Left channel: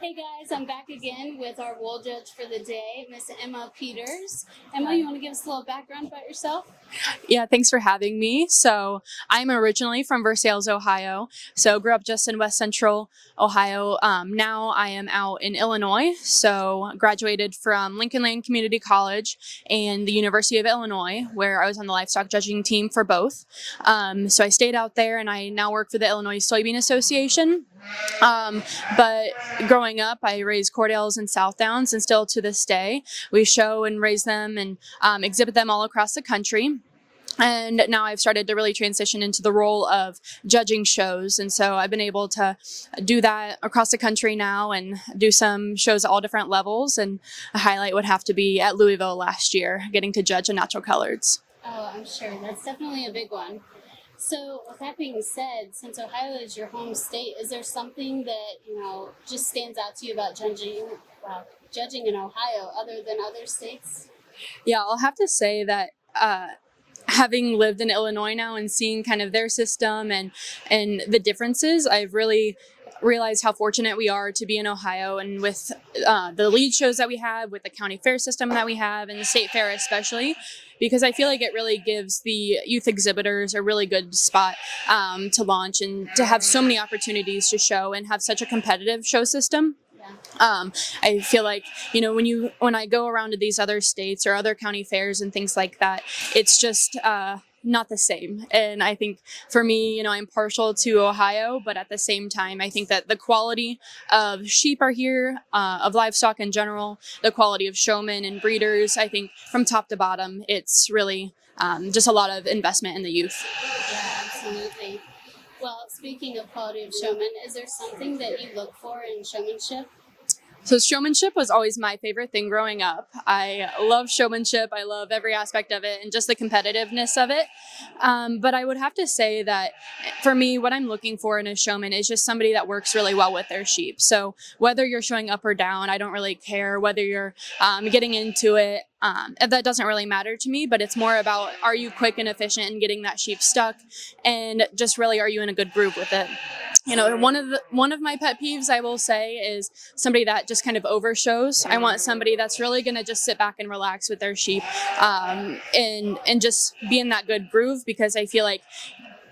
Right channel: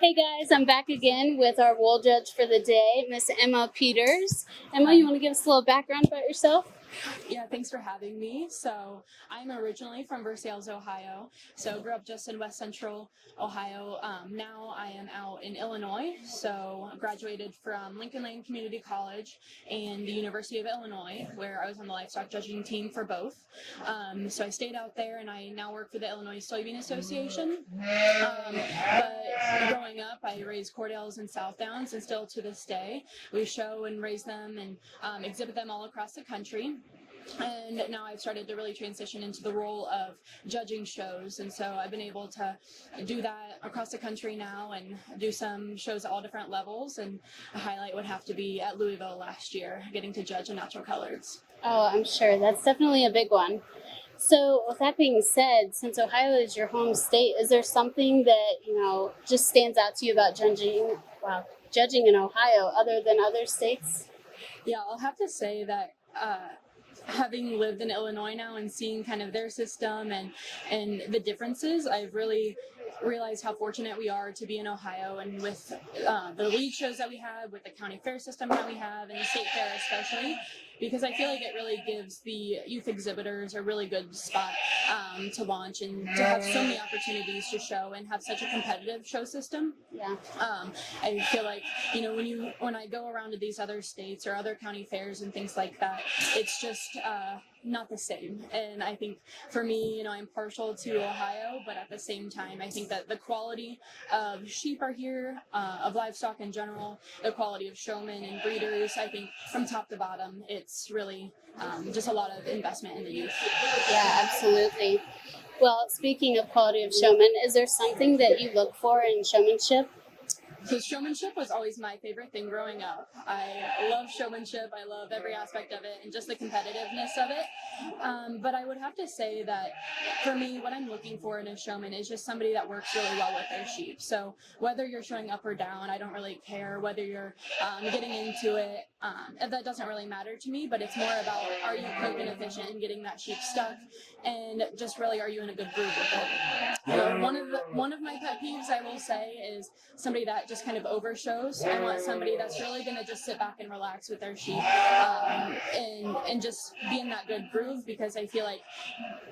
Hey guys, I'm back again with our wool judge for the day, Miss Emma Peters. Emma, you want to give us a little background about yourself? Yeah, thanks for having me. So I'm originally from Versailles, Ohio. So grew up just in West Central Ohio. Now I am out in Illinois. So graduated from Lincoln Land Community College and the University of Illinois, where I was on the livestock judging team for both. So I stayed out there, and I now work for the Illinois Soybean Association. Um, but growing up, I raised Cordales and Southdowns, and still to this day, we show and raise them and exhibit them all across the country. And now I've started to really transition into the role of judging shows. And so I've been able to do that across the country now and do some shows at all different levels. And a highlight would have to be at Louisville last year, getting to judge a natural coloreds. Oh, I'm sure. That's definitely a big one. So, with that being said, since Ohio is your home state, is there something that, just stands out to you about judging in Ohio other than other states? Yeah, I'll have to say that having lived in Illinois now and seeing kind of their system and the differences, I've really realized how fortunate we are to be in Ohio, and with the lead shows that we have, with the county fair system that we have, and the state fair especially, because I feel like it really gives the youth exhibitors a really good spot to launch and to have so many opportunities to show and have such a competitive show system. Yeah. I feel like, when I go around to these other states or other county fairs and things like that, it's just not the same. And I think for me, I'm partial to Ohio, but at the same time, I think that the quality of sheep are here, of livestock in general, the quality of showmen and breeders, I think from top to bottom, it's really just a lot of investment in the youth. Yeah, absolutely. Well, speaking of quality of showman, is there something that you look for in showmanship? So showmanship was always my favorite thing growing up. I love showmanship. I love every aspect of it and just the competitiveness of it. But I would have to say that for me, what I'm looking for in a showman is just somebody that works really well with their sheep. So whether you're showing up or down, I don't really care. Whether you're getting into it, that doesn't really matter to me, but it's more about, are you quick and efficient in getting that sheep stuck, and just really, are you in a good groove with it? One of my pet peeves, I will say, is somebody that just kind of overshows. I want somebody that's really going to just sit back and relax with their sheep, and just be in that good groove, because I feel like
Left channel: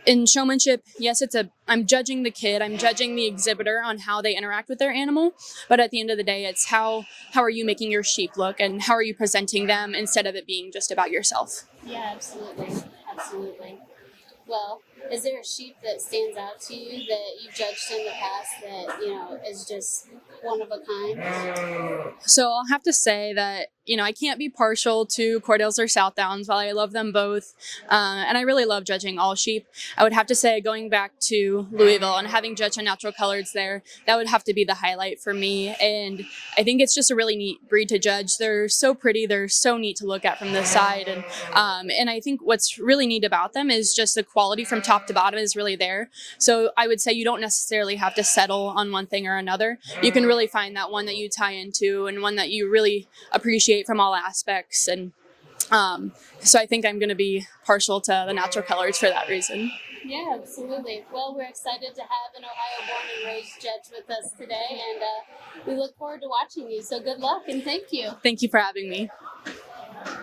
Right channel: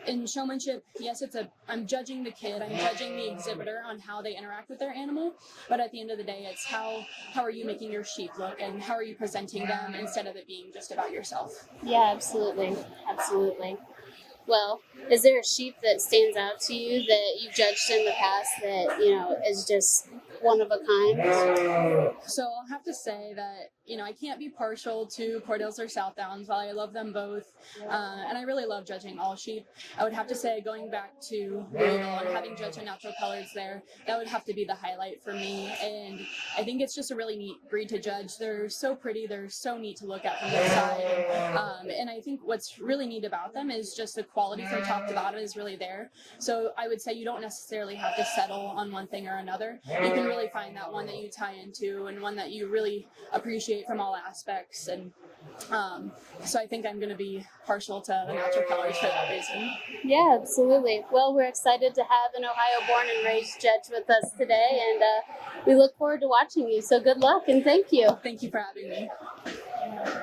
in showmanship, yes, I'm judging the kid, I'm judging the exhibitor on how they interact with their animal, but at the end of the day, it's how are you making your sheep look, and how are you presenting them, instead of it being just about yourself. Yeah, absolutely. Absolutely. Well, is there a sheep that stands out to you that you've judged in the past that, is just one of a kind? So I'll have to say that, I can't be partial to Cordales or Southdowns. While I love them both, and I really love judging all sheep, I would have to say, going back to Louisville and having judged on natural coloreds there, that would have to be the highlight for me. And I think it's just a really neat breed to judge. They're so pretty. They're so neat to look at from the side. And I think what's really neat about them is just the quality from top to bottom is really there. So I would say you don't necessarily have to settle on one thing or another. You can really find that one that you tie into, and one that you really appreciate from all aspects. And so I think I'm going to be partial to the natural coloreds for that reason. Yeah, absolutely. Well, we're excited to have an Ohio-born and raised judge with us today, and we look forward to watching you. So good luck, and thank you. Thank you for having me.